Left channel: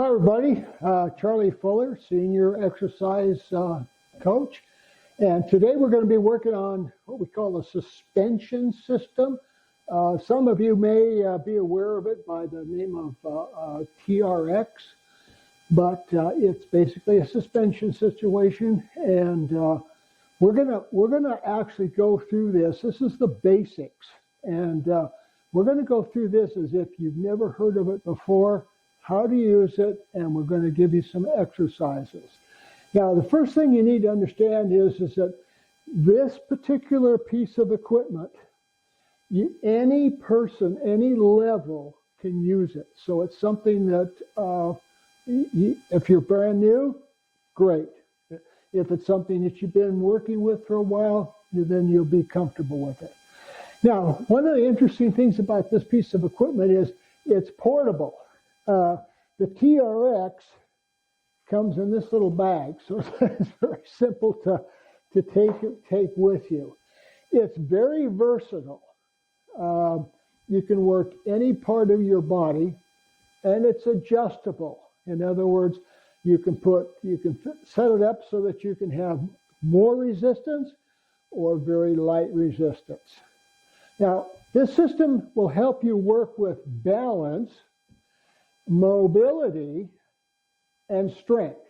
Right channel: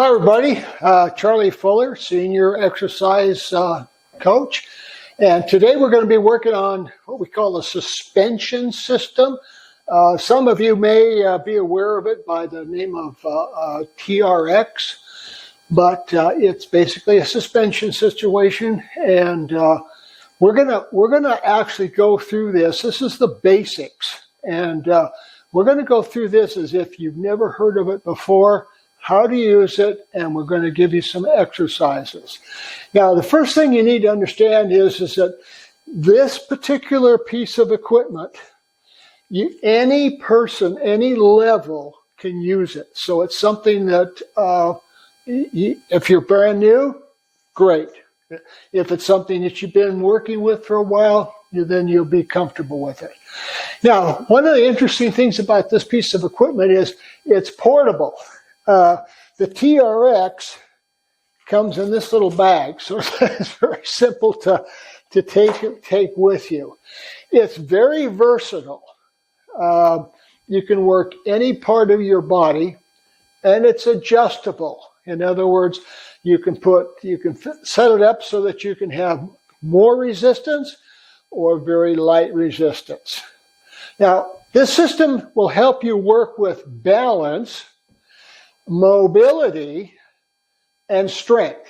Hi everybody, Charlie Fuller, Senior Exercise Coach. And today we're going to be working on what we call a suspension system. Some of you may be aware of it by the name of TRX, but it's basically a suspension situation. And we're gonna actually go through this. This is the basics. And we're going to go through this as if you've never heard of it before, how to use it, and we're going to give you some exercises. Now, the first thing you need to understand is that this particular piece of equipment, any person, any level can use it. So it's something that if you're brand new, great. If it's something that you've been working with for a while, then you'll be comfortable with it. Now, one of the interesting things about this piece of equipment is it's portable. The TRX comes in this little bag, so it's very simple to take with you. It's very versatile. You can work any part of your body, and it's adjustable. In other words, you can set it up so that you can have more resistance or very light resistance. Now, this system will help you work with balance, mobility, and strength.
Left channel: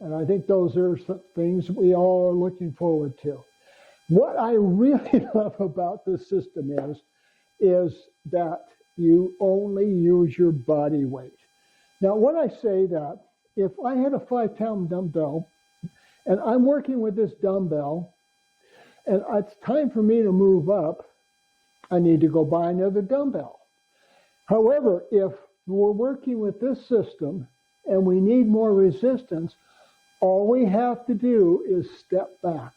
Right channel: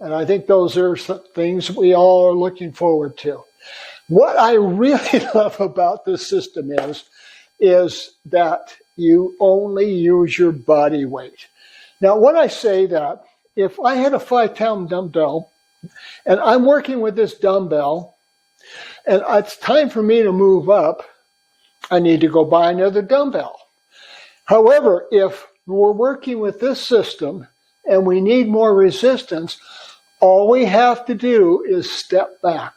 And I think those are some things we all are looking forward to. What I really love about this system is that you only use your body weight. Now, when I say that, if I had a 5-pound dumbbell and I'm working with this dumbbell and it's time for me to move up, I need to go buy another dumbbell. However, if we're working with this system and we need more resistance, all we have to do is step back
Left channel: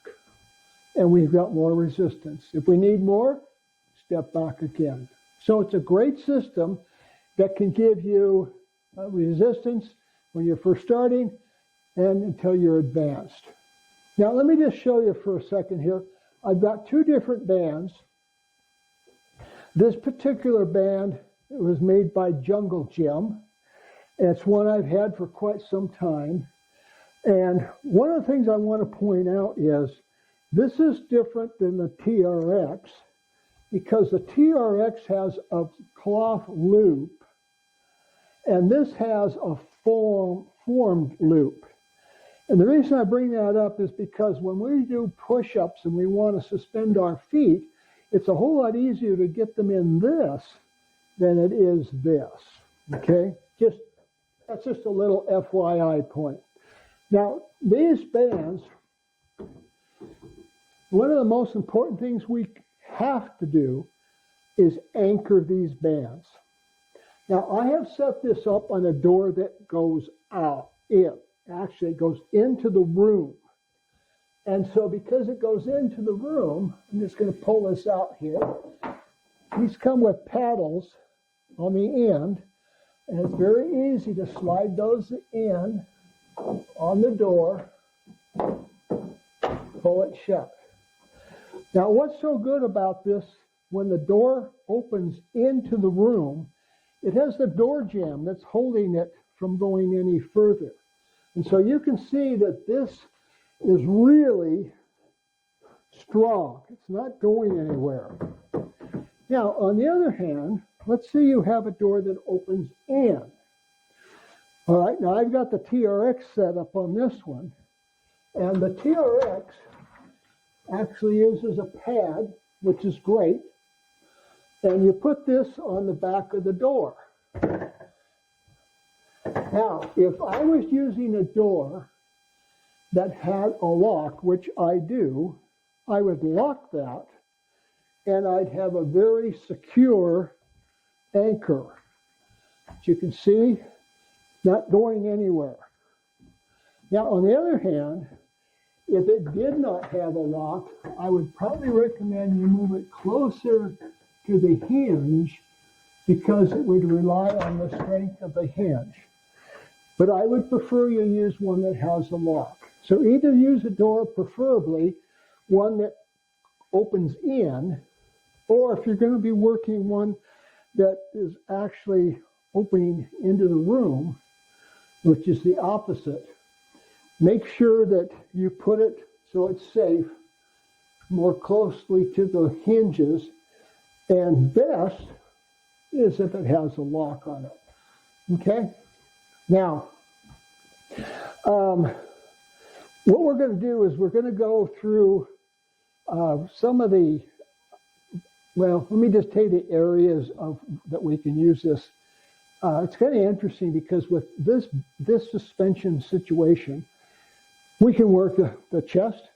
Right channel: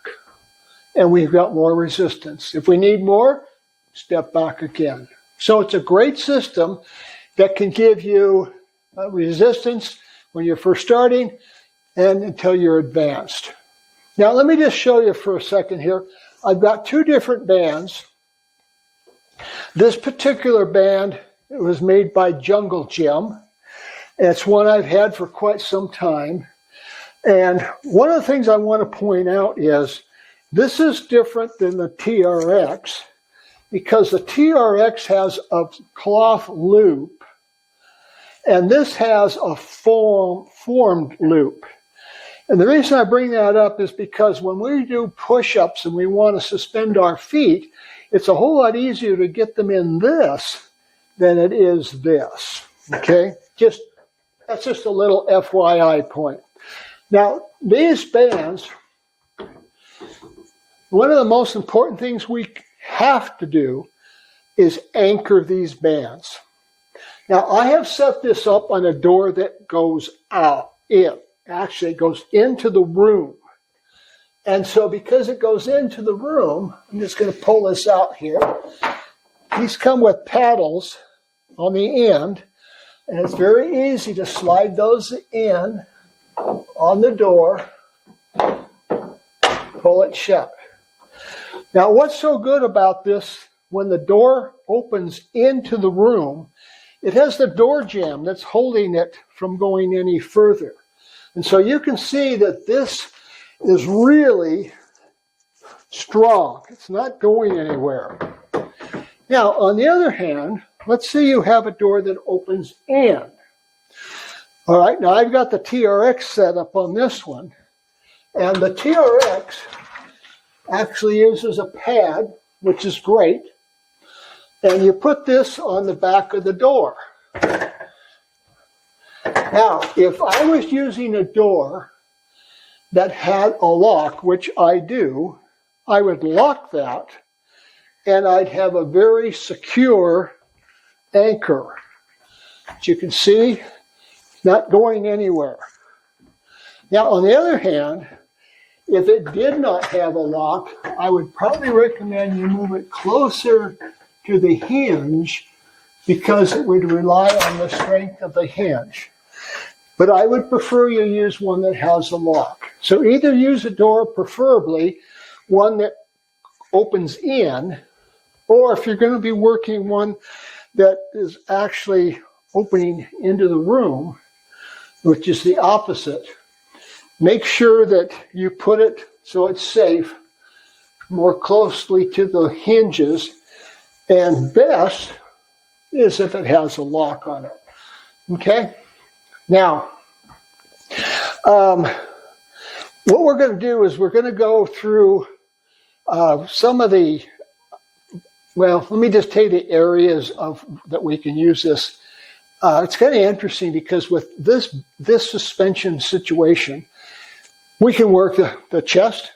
and we've got more resistance. If we need more, step back again. So it's a great system that can give you resistance when you're first starting and until you're advanced. Now, let me just show you for a second here. I've got two different bands. This particular band, it was made by Jungle Gym. It's one I've had for quite some time. And one of the things I want to point out is this is different than the TRX because the TRX has a cloth loop and this has a formed loop. And the reason I bring that up is because when we do push-ups and we want to suspend our feet, it's a whole lot easier to get them in this than it is this, okay? That's just a little FYI point. Now, these bands, one of the most important things we have to do is anchor these bands. Now, I have set this up on a door that goes out. It actually goes into the room. And so because it goes into the room, I'm just going to pull this out here. These come with paddles on the end, and it's very easy to slide those in on the door, pull it shut. Now, what's so good about this, when the door opens into the room, it has the door jamb that's holding it from going any further. And so you can see that this is really strong. It's not going anywhere. Now, on the other hand, let's say you have a door that opens in. All right, now I've got the TRX set up on this one. And the TRX actually uses a pad, which is great. And you put this on the back of the door. Now, if I was using a door that had a lock, which I do, I would lock that and I'd have a very secure anchor. As you can see, not going anywhere. Now, on the other hand, if it did not have a lock, I would probably recommend you move it closer to the hinge because it would rely on the strength of the hinge. But I would prefer you use one that has a lock. So either use a door, preferably one that opens in, or if you're going to be working one that is actually opening into the room, which is the opposite. Make sure that you put it so it's safe, more closely to the hinges, and best is if it has a lock on it. Okay? Now, what we're going to do is we're going to go through some of the, well, let me just tell you the areas that we can use this. It's kind of interesting because with this suspension situation, we can work the chest,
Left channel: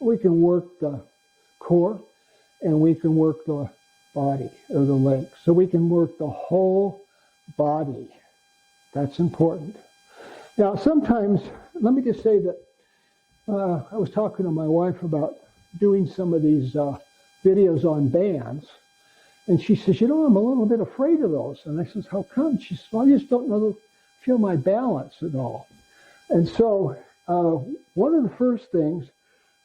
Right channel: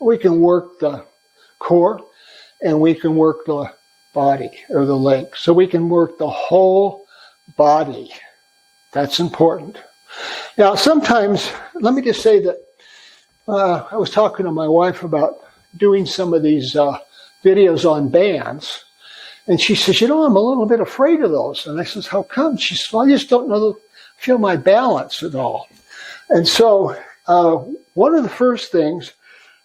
we can work the core, and we can work the body or the legs. So we can work the whole body. That's important. Now, sometimes, let me just say that I was talking to my wife about doing some of these videos on bands. And she says, I'm a little bit afraid of those. And I says, how come? She says, well, I just don't feel my balance at all. And so one of the first things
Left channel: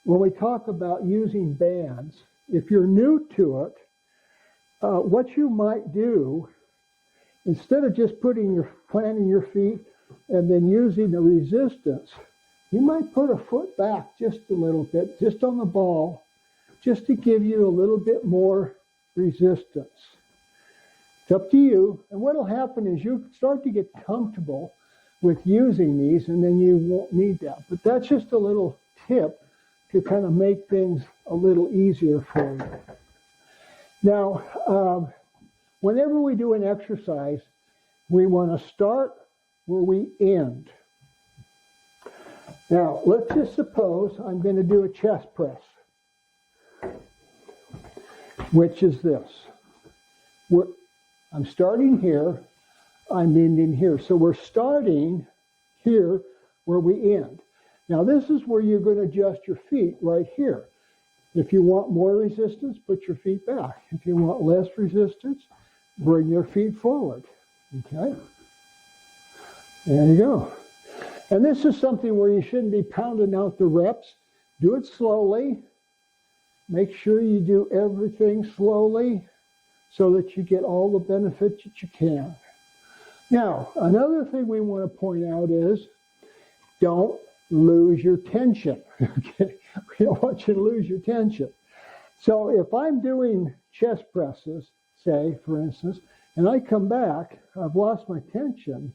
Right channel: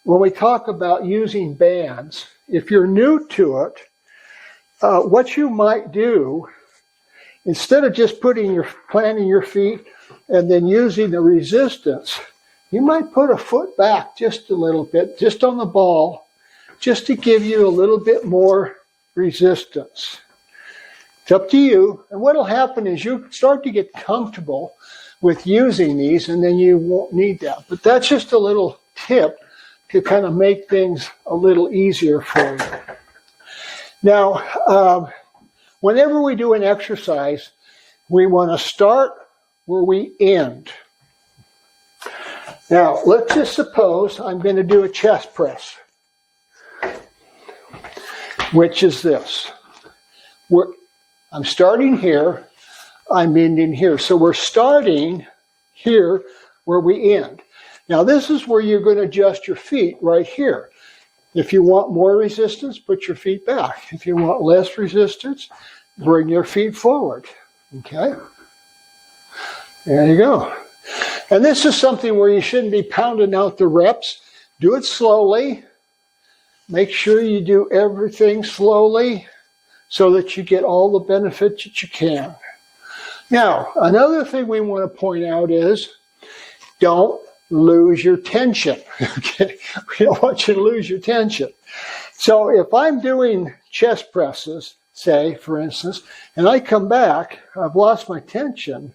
when we talk about using bands, if you're new to it, what you might do, instead of just planting your feet and then using the resistance, you might put a foot back just a little bit, just on the ball, just to give you a little bit more resistance. It's up to you. And what will happen is you start to get comfortable with using these, and then you won't need that. But that's just a little tip to kind of make things a little easier for you. Now, whenever we do an exercise, we want to start where we end. Now, let's just suppose I'm going to do a chest press, which is this. I'm starting here, I'm ending here. So we're starting here where we end. Now, this is where you're going to adjust your feet right here. If you want more resistance, put your feet back. If you want less resistance, bring your feet forward. Okay? There you go. And this is something where you shouldn't be pounding out the reps. Do it slowly. Make sure you do everything slowly so that you get all the benefits that you can. Now, another thing we want to point out is don't lose your tension. Okay? We don't want you to lose your tension. So if I'm doing chest presses, say, for instance, and I come back, I've lost my tension,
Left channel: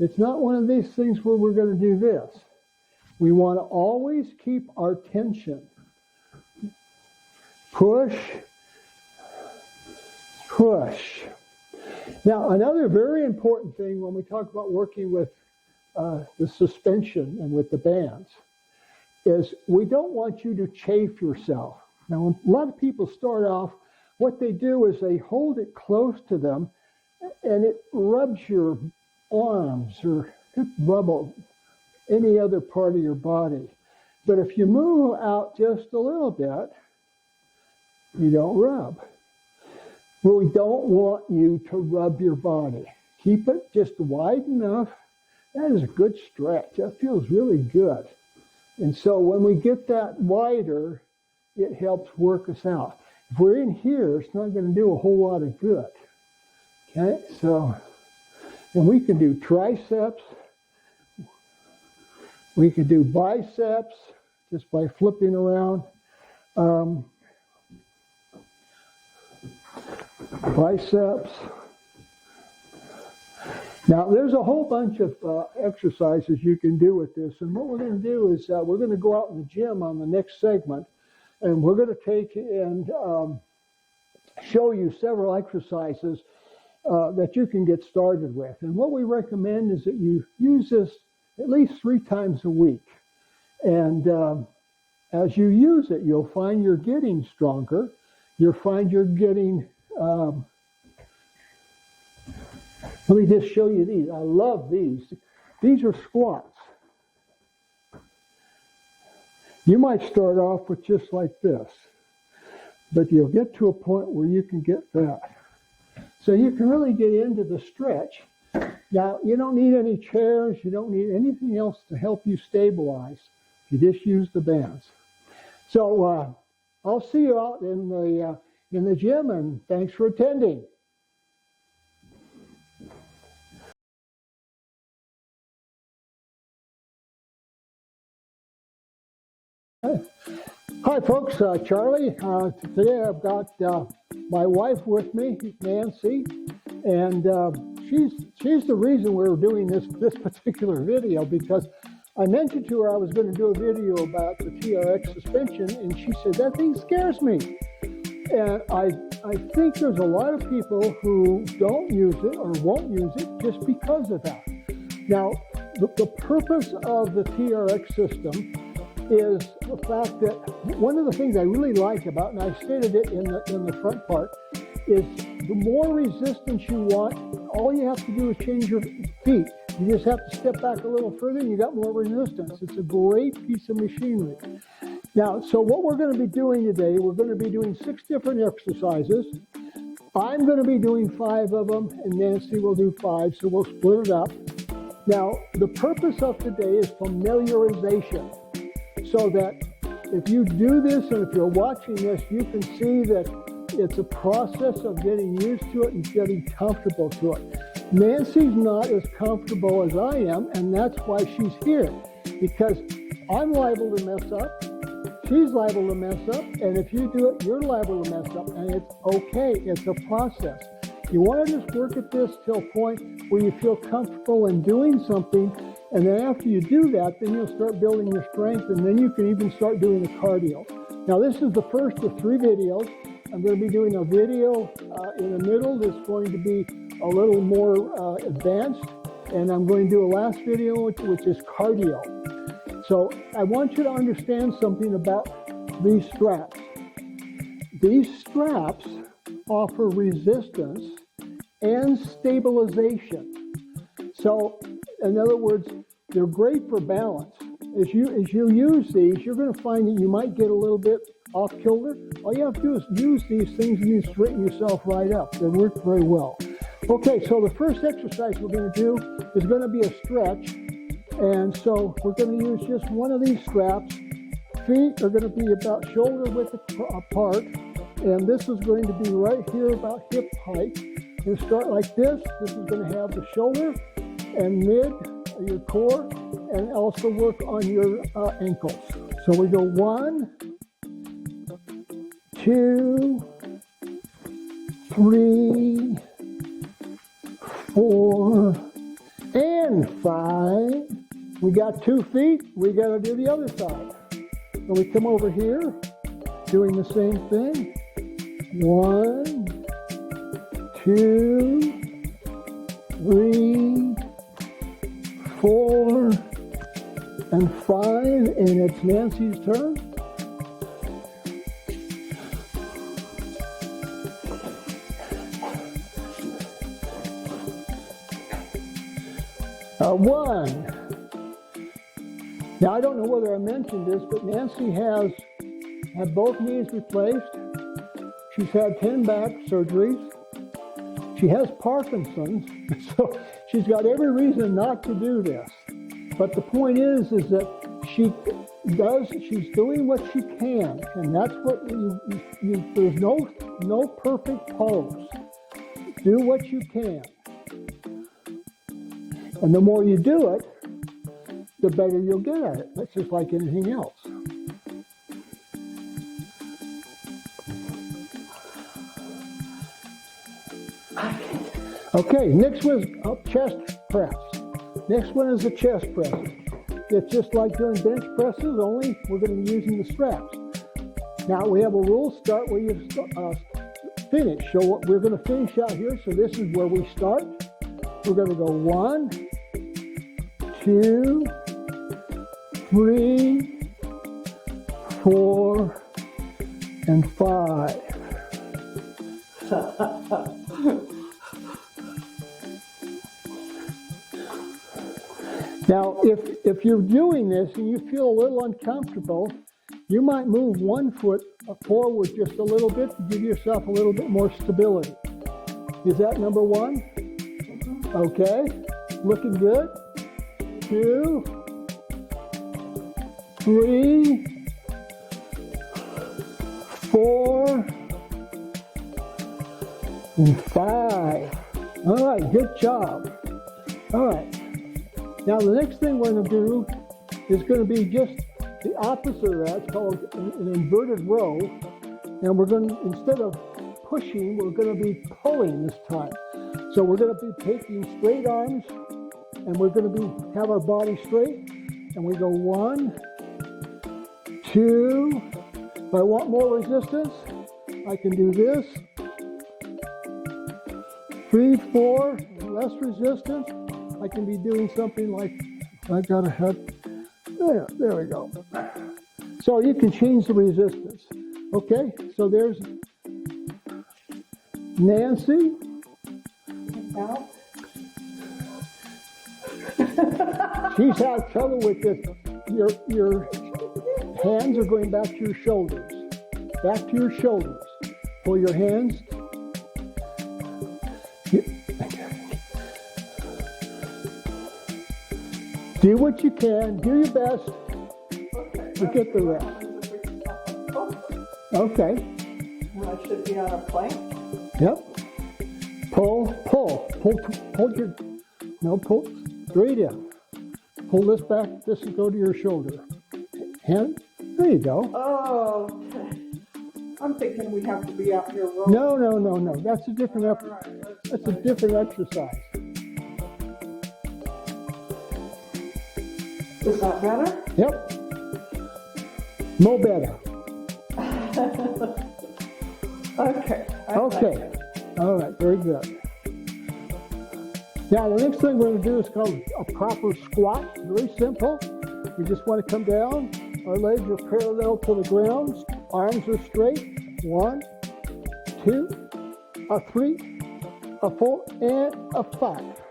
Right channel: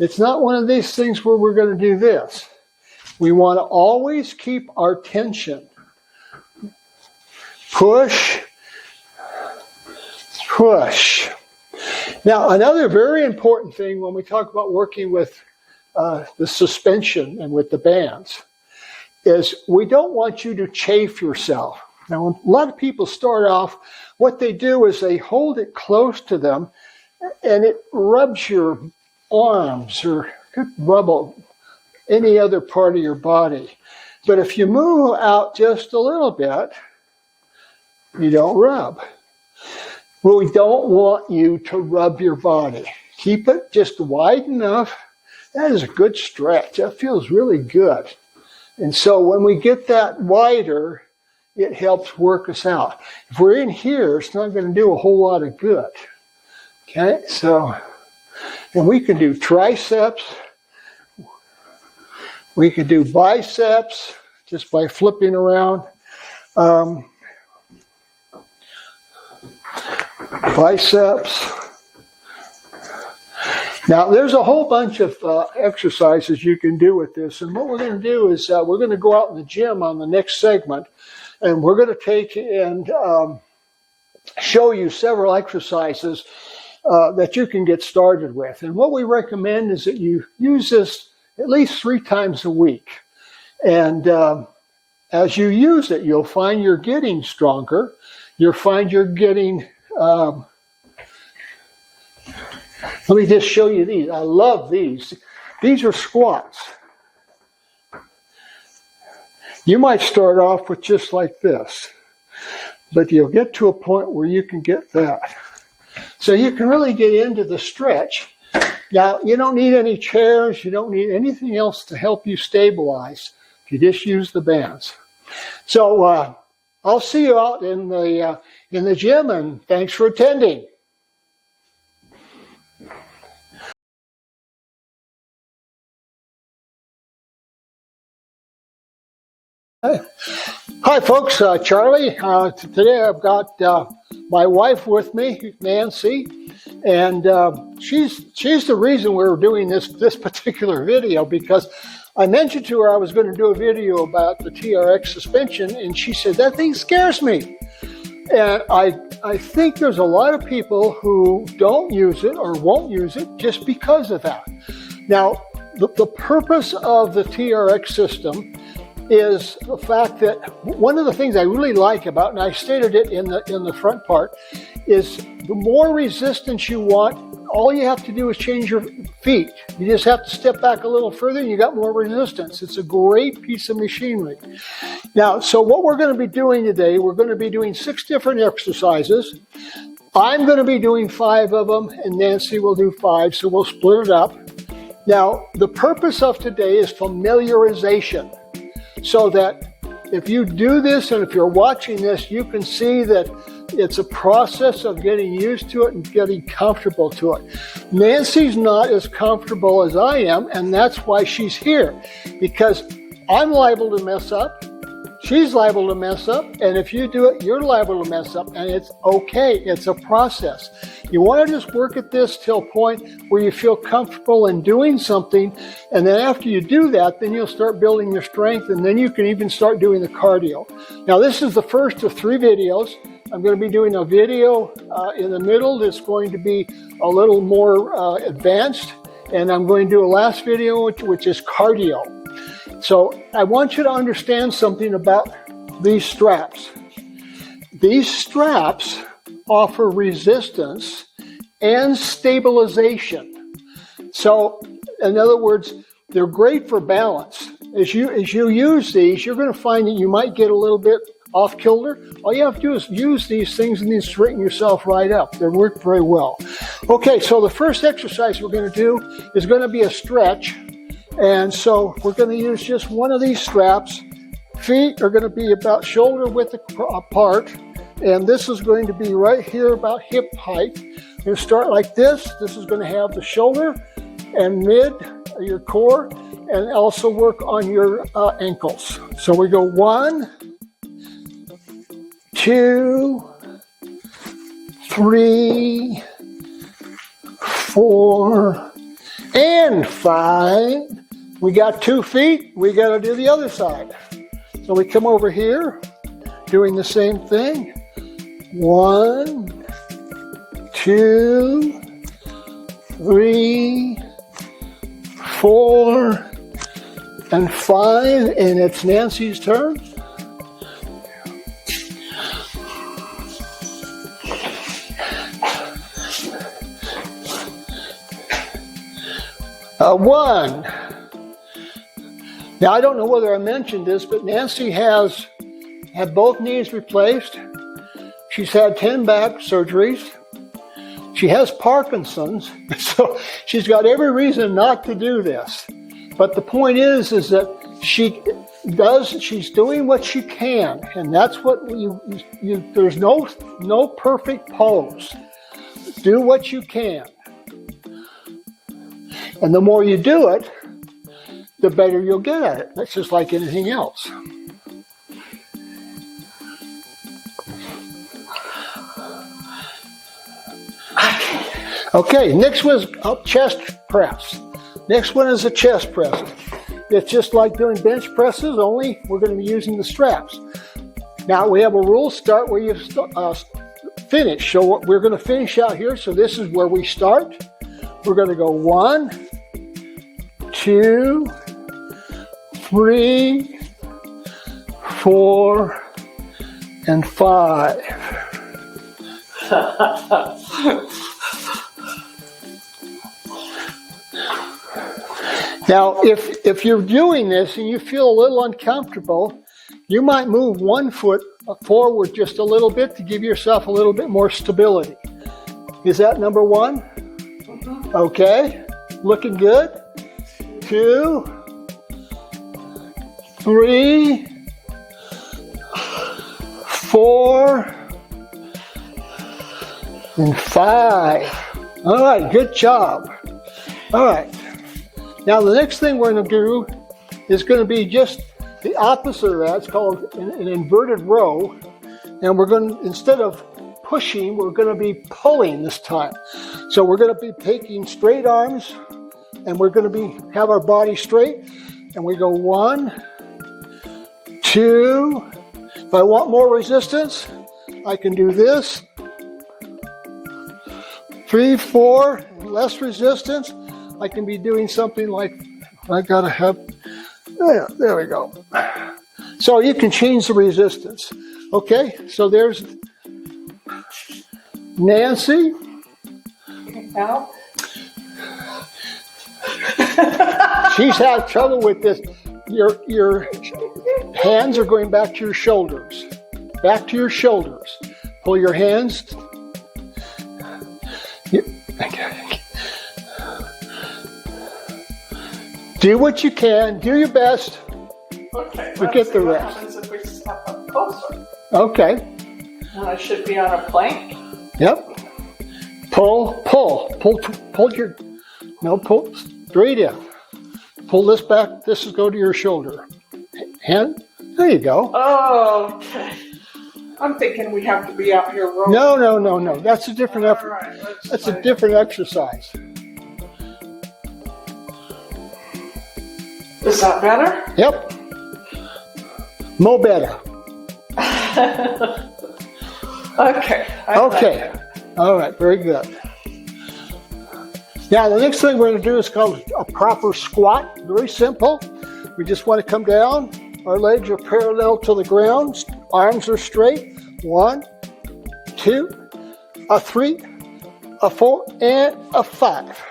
it's not one of these things where we're going to do this. We want to always keep our tension. Push, push. Now, another very important thing when we talk about working with the suspension and with the bands is we don't want you to chafe yourself. Now, when a lot of people start off, what they do is they hold it close to them and it rubs your arms or could rub any other part of your body. But if you move out just a little bit, you don't rub. Well, we don't want you to rub your body. Keep it just wide enough. That is a good stretch. That feels really good. And so when we get that wider, it helps work us out. If we're in here, it's not going to do a whole lot of good. Okay, so, and we can do triceps. We can do biceps just by flipping around. Biceps. Now, there's a whole bunch of exercises you can do with this. And what we're going to do is we're going to go out in the gym on the next segment. And we're going to take and show you several exercises that you can get started with. And what we recommend is that you use this at least 3 times a week. And as you use it, you'll find you're getting stronger. You'll find you're getting... let me just show you these. I love these. These are squats. You might start off with just like this, but you'll get to a point where you can get that. So you can really get into the stretch. Now, you don't need any chairs. You don't need anything else to help you stabilize. You just use the bands. So I'll see you out in the gym, and thanks for attending. Hi folks, Charlie. Today I've got my wife with me, Nancy, and she's the reason we're doing this particular video, because I mentioned to her I was going to do a video about the TRX suspension, and she said, that thing scares me. And I think there's a lot of people who don't use it or won't use it just because of that. Now, the purpose of the TRX system is the fact that one of the things I really like about, and I stated it in the front part, is the more resistance you want, all you have to do is change your feet. You just have to step back a little further and you got more resistance. It's a great piece of machinery. Now, so what we're going to be doing today, we're going to be doing 6 different exercises. I'm going to be doing 5 of them and Nancy will do 5, so we'll split it up. Now, the purpose of today is familiarization, so that if you do this and if you're watching this, you can see that it's a process of getting used to it and getting comfortable to it. Nancy's not as comfortable as I am, and that's why she's here, because I'm liable to mess up, she's liable to mess up, and if you do it, you're liable to mess up, and it's okay. It's a process. You want to just work at this till a point where you feel comfortable in doing something, and then after you do that, then you'll start building your strength, and then you can even start doing the cardio. Now, this is the first of 3 videos. I'm going to be doing a video in the middle that's going to be a little more advanced, and I'm going to do a last video, which is cardio. So I want you to understand something about these straps. These straps offer resistance and stabilization. So in other words, they're great for balance. As you use these, you're going to find that you might get a little bit off kilter. All you have to do is use these things and then straighten yourself right up. They work very well. Okay, so the first exercise we're going to do is going to be a stretch. And so we're going to use just one of these straps. Feet are going to be about shoulder width apart. And this is going to be right here about hip height. You start like this. This is going to have the shoulder and mid, your core, and also work on your ankles. So we go 1, 2, 3, 4, and 5. We got 2 feet. We got to do the other side. So we come over here, doing the same thing. 1, 2, 3, 4, and 5, and it's Nancy's turn. One. Now, I don't know whether I mentioned this, but Nancy has had both knees replaced. She's had 10 back surgeries. She has Parkinson's, so she's got every reason not to do this. But the point is that she's doing what she can, and that's what there's no perfect pose. Do what you can. And the more you do it, the better you'll get at it. That's just like anything else. Okay, next one is a chest press. Next one is a chest press. It's just like doing bench presses, only we're going to be using the straps. Now we have a rule: start where you finish. So we're going to finish out here. So this is where we start. We're going to go 1, 2, 3, 4, and 5. Now, if you're doing this and you feel a little uncomfortable, you might move one foot forward just a little bit to give yourself a little bit more stability. Is that number 1? Okay, looking good. 2, 3, 4, and 5. All right, good job. All right. Now the next thing we're going to do is going to be just the opposite of that. It's called an inverted row. And we're going to, instead of pushing, we're going to be pulling this time. So we're going to be taking straight arms, and we're going to have our body straight. And we go 1, 2. If I want more resistance, I can do this. 3, 4, less resistance. I can be doing something like, I gotta have, there we go. So you can change the resistance. Okay, so there's Nancy. Now? She's had trouble with this. Your hands are going back to your shoulders. Back to your shoulders. Pull your hands. Do what you can. Do your best. Okay. Forget the rest. What happens if we step up closer? Okay. And I should be on a plank? Yep. Pull your, no, pull straight in. Pull this back. This is go to your shoulder. Hand. There you go. Oh, okay. I'm thinking we have to be out here rolling. No. That's a different effort. Right, That's a different exercise. Is that better? Yep. Mo better. Okay. Okay. All right. Very good. Now, the next thing we're going to do is called a proper squat. Very simple. We just want to come down. Our legs are parallel to the ground. Arms are straight. 1, 2, a 3, a 4, and a 5.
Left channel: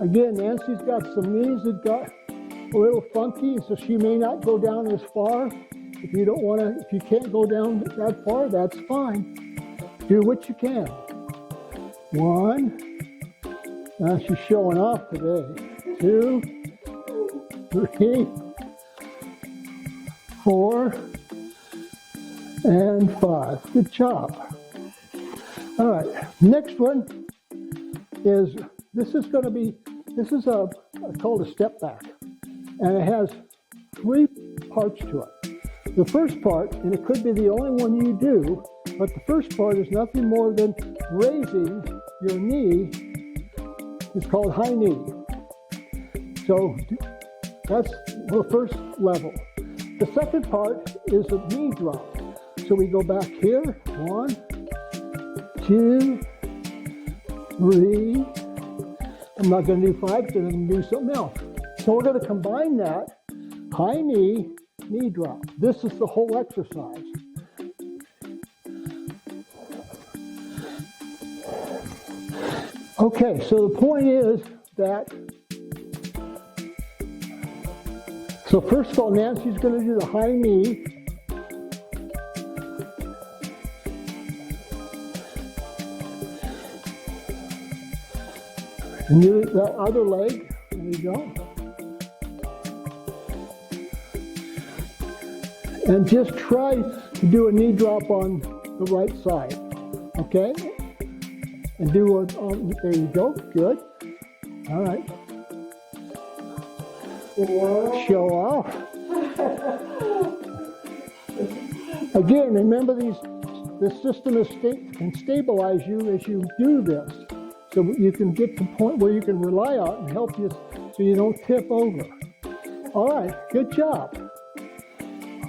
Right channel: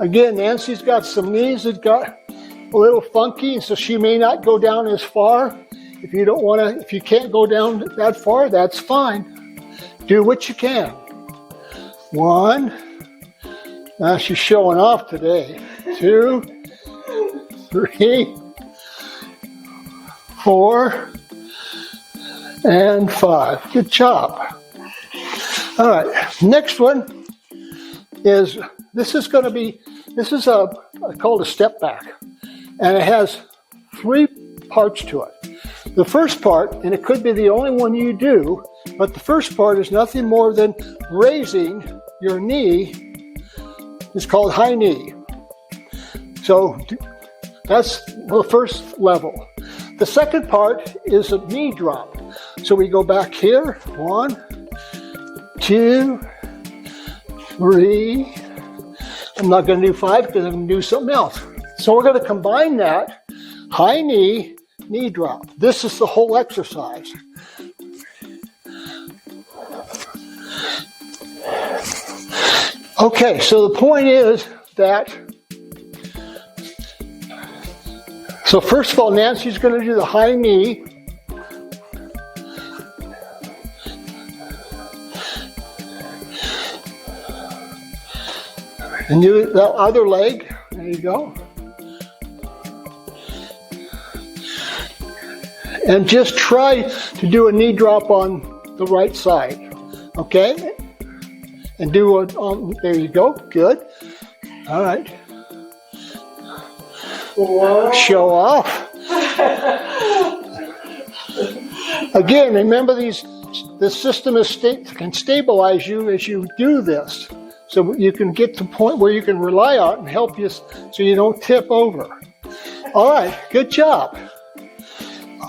Again, Nancy's got some knees that got a little funky, so she may not go down as far. If you don't want to, if you can't go down that far, that's fine. Do what you can. 1. Now she's showing off today. 2, 3, 4, and 5. Good job. All right. Next one is, this is called a step back. And it has 3 parts to it. The first part, and it could be the only one you do, but the first part is nothing more than raising your knee. It's called high knee. So that's the first level. The second part is a knee drop. So we go back here. 1, 2, 3. I'm not going to do 5 because I'm going to do something else. So we're going to combine that high knee, knee drop. This is the whole exercise. Okay, so the point is that, so first of all, Nancy's going to do the high knee. And do the other leg. There you go. And just try to do a knee drop on the right side. Okay? And do it on, there you go. Good. All right. Whoa. Show off. Again, remember this system can stabilize you as you do this. So you can get to the point where you can rely on it and help you so you don't tip over. All right, good job.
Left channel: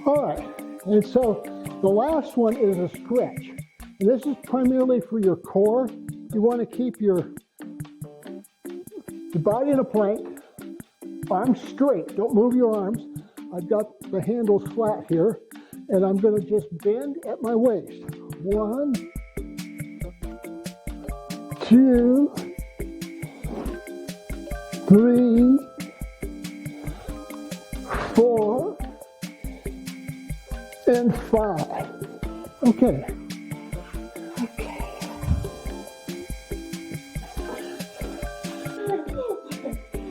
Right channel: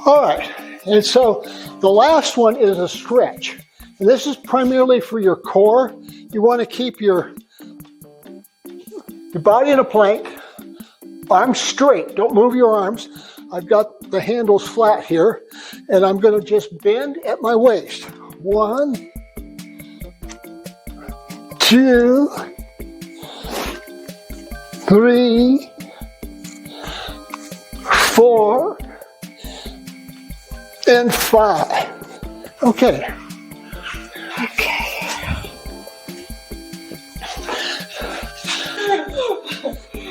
All right, and so the last one is a stretch. And this is primarily for your core. You want to keep your body in a plank, arms straight. Don't move your arms. I've got the handles flat here, and I'm going to just bend at my waist. 1, 2, 3, 4, and 5. Okay.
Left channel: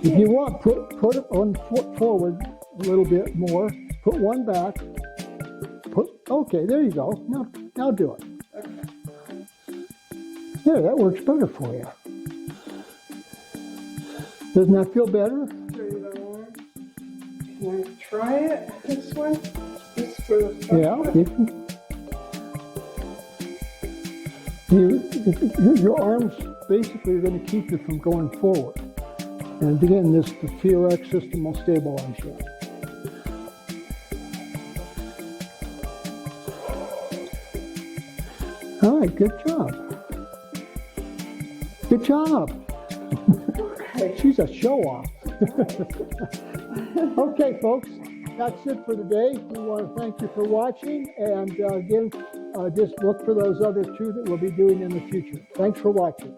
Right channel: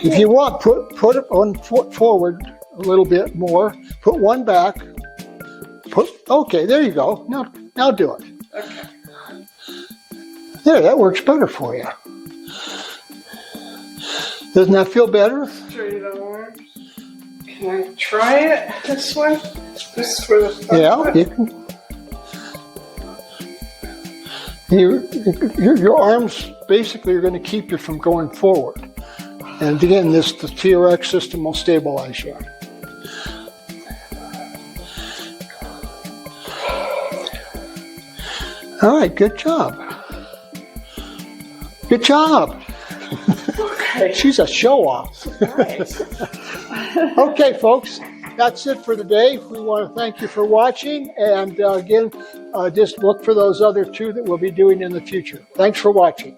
If you want, put it on foot forward a little bit more. Put one back. Okay, there you go. Now do it. Okay. There, that works better for you. Doesn't that feel better? Straight arms. Can I try it this way? Just for the fun Yeah, of it? your arms basically are going to keep you from going forward. And again, the TRX system will stabilize you. All right, good job. Good job. Okay. She's a show-off. Right. Okay, folks, that's it for today. We want to thank you for watching. And again, just look for those other two that we'll be doing in the future. Thanks for watching.